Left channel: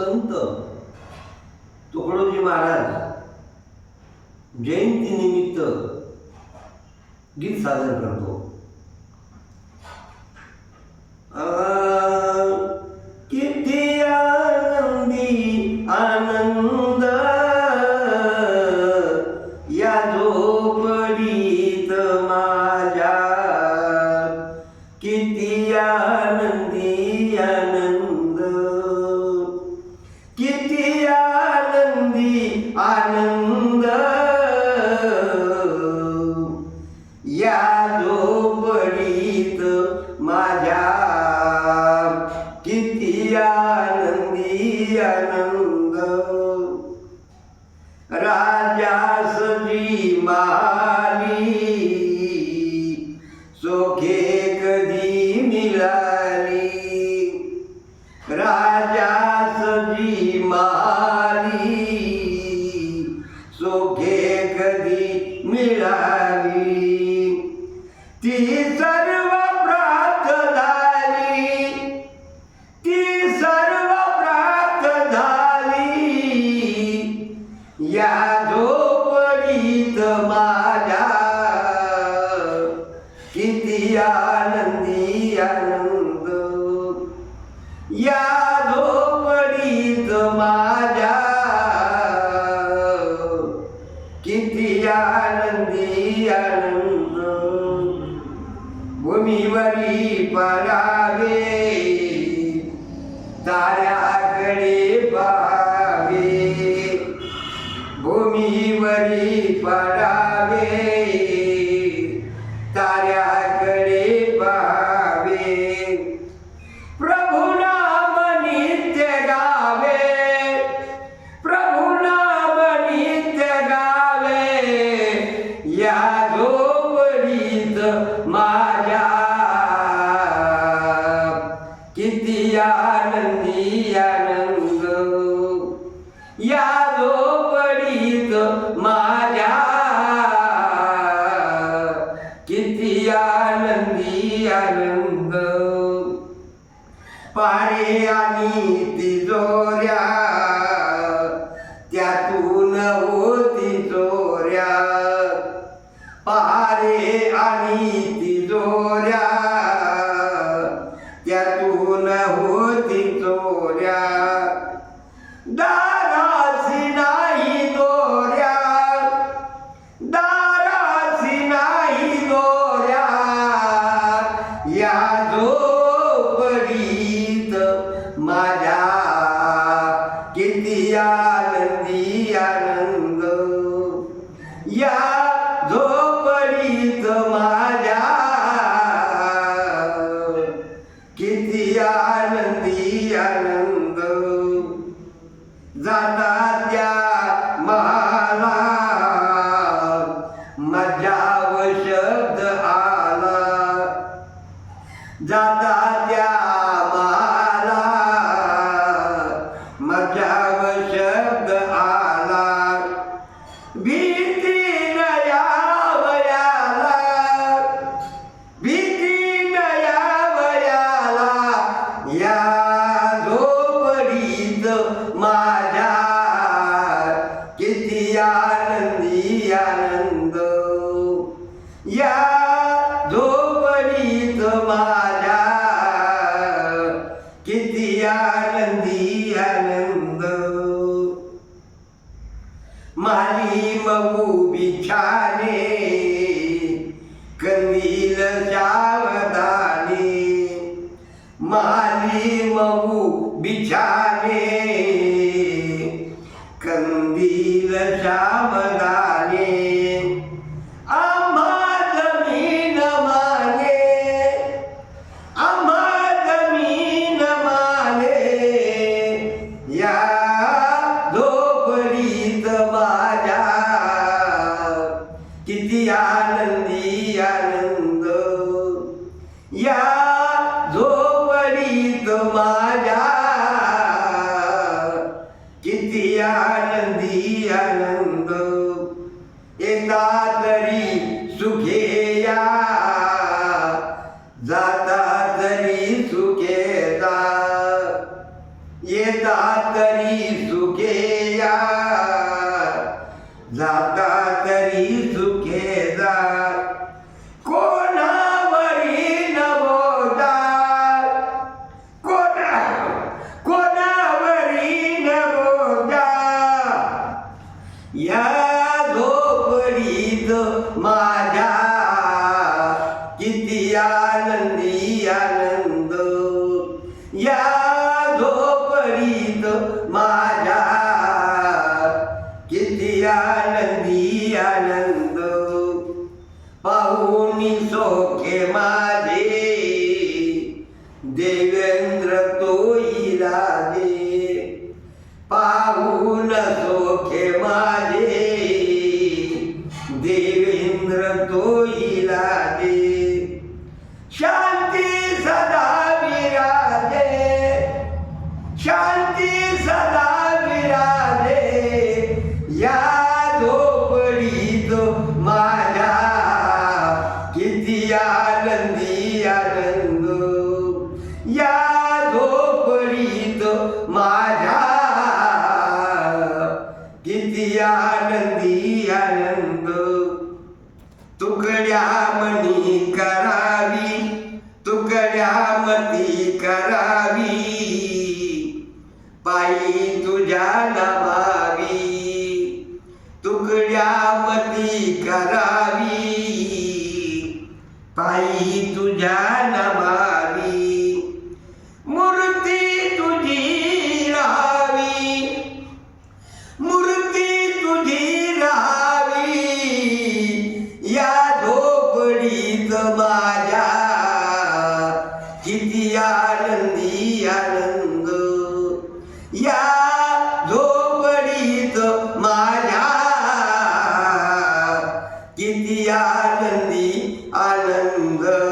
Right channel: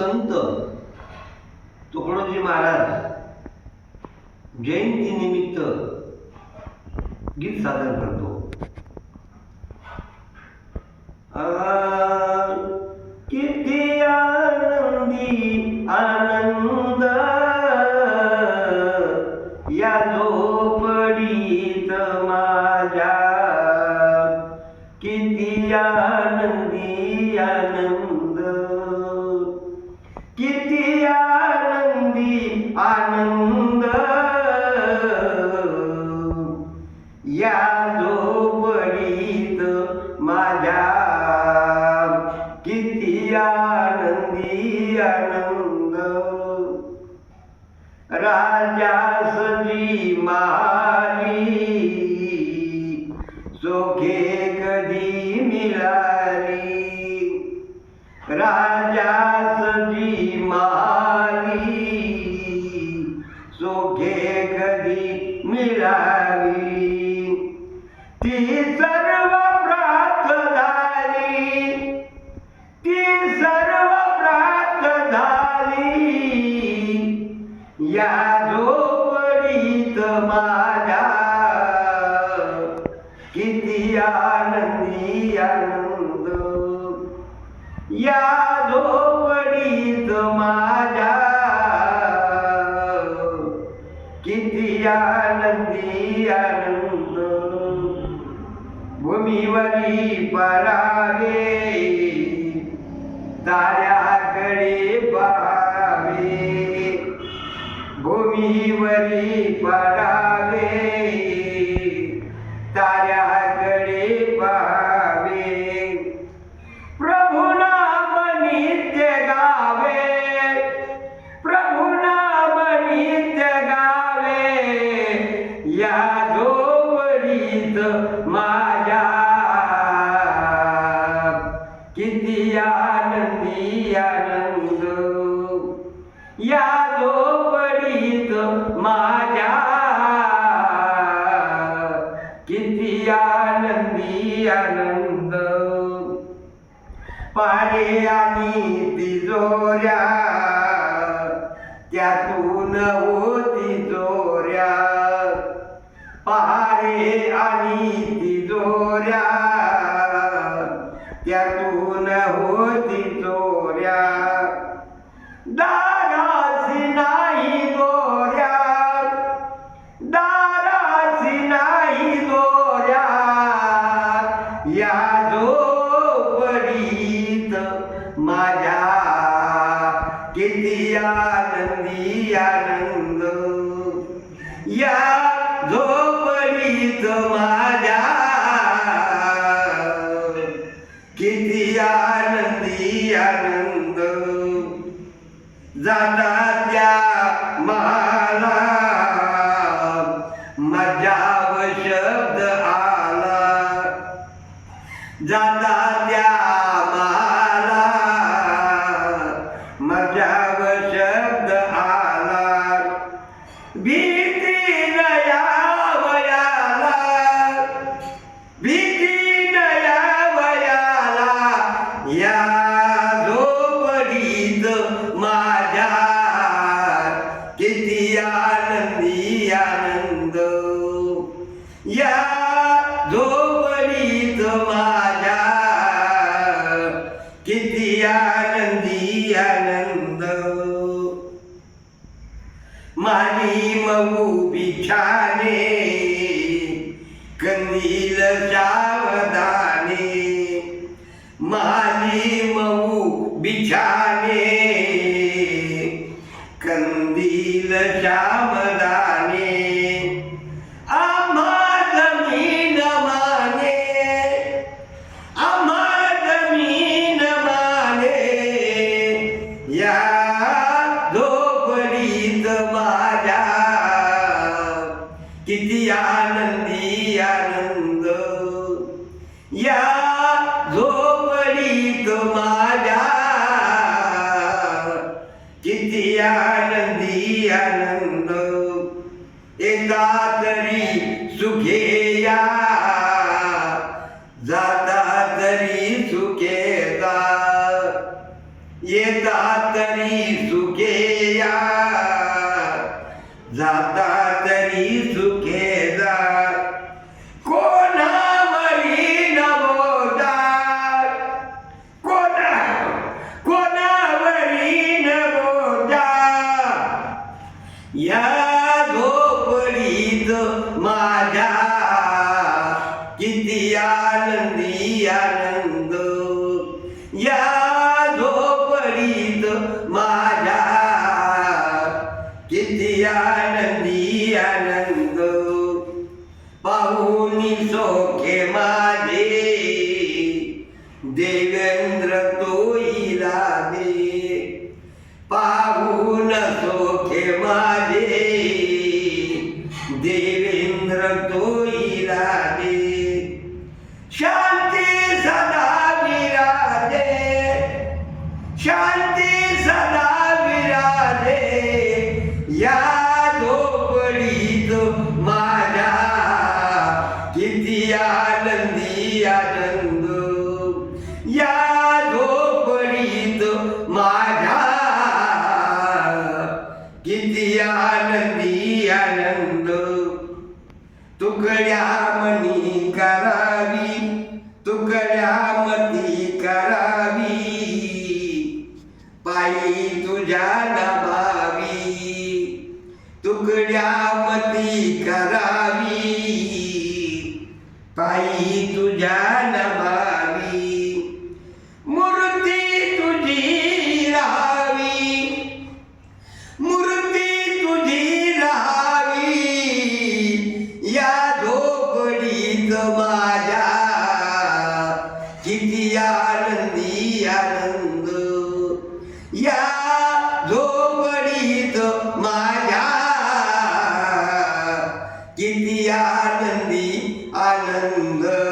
संत तुकडोजी महाराज जयंती निमित्त गीत सादर करतो. किती आनंदी आनंद या झोपडीत माझ्या, किती आनंदी आनंद, किती आनंदी आनंद या झोपडीत माझ्या, किती आनंदी आनंद. राजासजी माली सोखे कधी मिळाली, राजासजी माली सोखे कधी मिळाली. ती सर्व प्राप्त झाली, ती सर्व प्राप्त झाली या झोपडीत माझ्या, किती आनंदी आनंद या झोपडीत माझ्या, किती आनंदी आनंद. भूमीवरी परावे ताऱ्याकडे पाहावे, भूमीवरी परावे ताऱ्याकडे पाहावे. प्रभु नाम नित्य गावे, प्रभु नाम नित्य गावे या झोपडीत माझ्या, किती आनंदी आनंद या झोपडीत माझ्या, किती आनंदी आनंद. पारे आणि तिजोऱ्या त्यातून होती चोऱ्या, पारे आणि तिजोऱ्या त्यातून होती चोऱ्या. दारासी नाही दोऱ्या, दारासी नाही दोऱ्या या झोपडीत माझ्या, किती आनंदी आनंद या झोपडीत माझ्या, किती आनंदी आनंद. जाता त्या मला मजाव शब्द आला, जाता त्या मला मजाव शब्द आला. भीती नया वयाला, भीती नया वयाला या झोपडीत माझ्या, किती आनंदी आनंद या झोपडीत माझ्या, किती आनंदी आनंद. माली मऊ बिछाने कंदील सावधाने, माली मऊ बिछाने कंदील सावधाने. आम्हा जमीन माने, आम्हा जमीन माने या झोपडीत माझ्या, किती आनंदी आनंद या झोपडीत माझ्या, किती आनंदी आनंद. येता तरी सुखे या, जाता तरी सुखे जा, येता तरी सुखे या, जाता तरी सुखे जा. कोणावरी नवोदा, कोणावरी नवोदा. या झोपडीत माझ्या किती आनंदी आनंद. या झोपडीत माझ्या किती आनंदी आनंद. पाहुनी सोखे माझे देवेंद्र तोईला दे. पाहून सोखे माझे देवेंद्र तोईला दे. शांती सदा विराजे, शांती सदा विराजे. या झोपडीत माझ्या किती आनंदी आनंद. या झोपडीत माझ्या किती आनंदी आनंद. तुकड्या मनी करावी, तुकड्या मती करावी. पायी तुझ्या नमावी, तुकड्या मती करावी. पायी तुझ्या नमावी. मूर्ती तुझी राहावी, मूर्ती तुझी राहावी. या झोपडीत माझ्या किती आनंदी आनंद. या झोपडीत माझ्या किती आनंदी आनंद.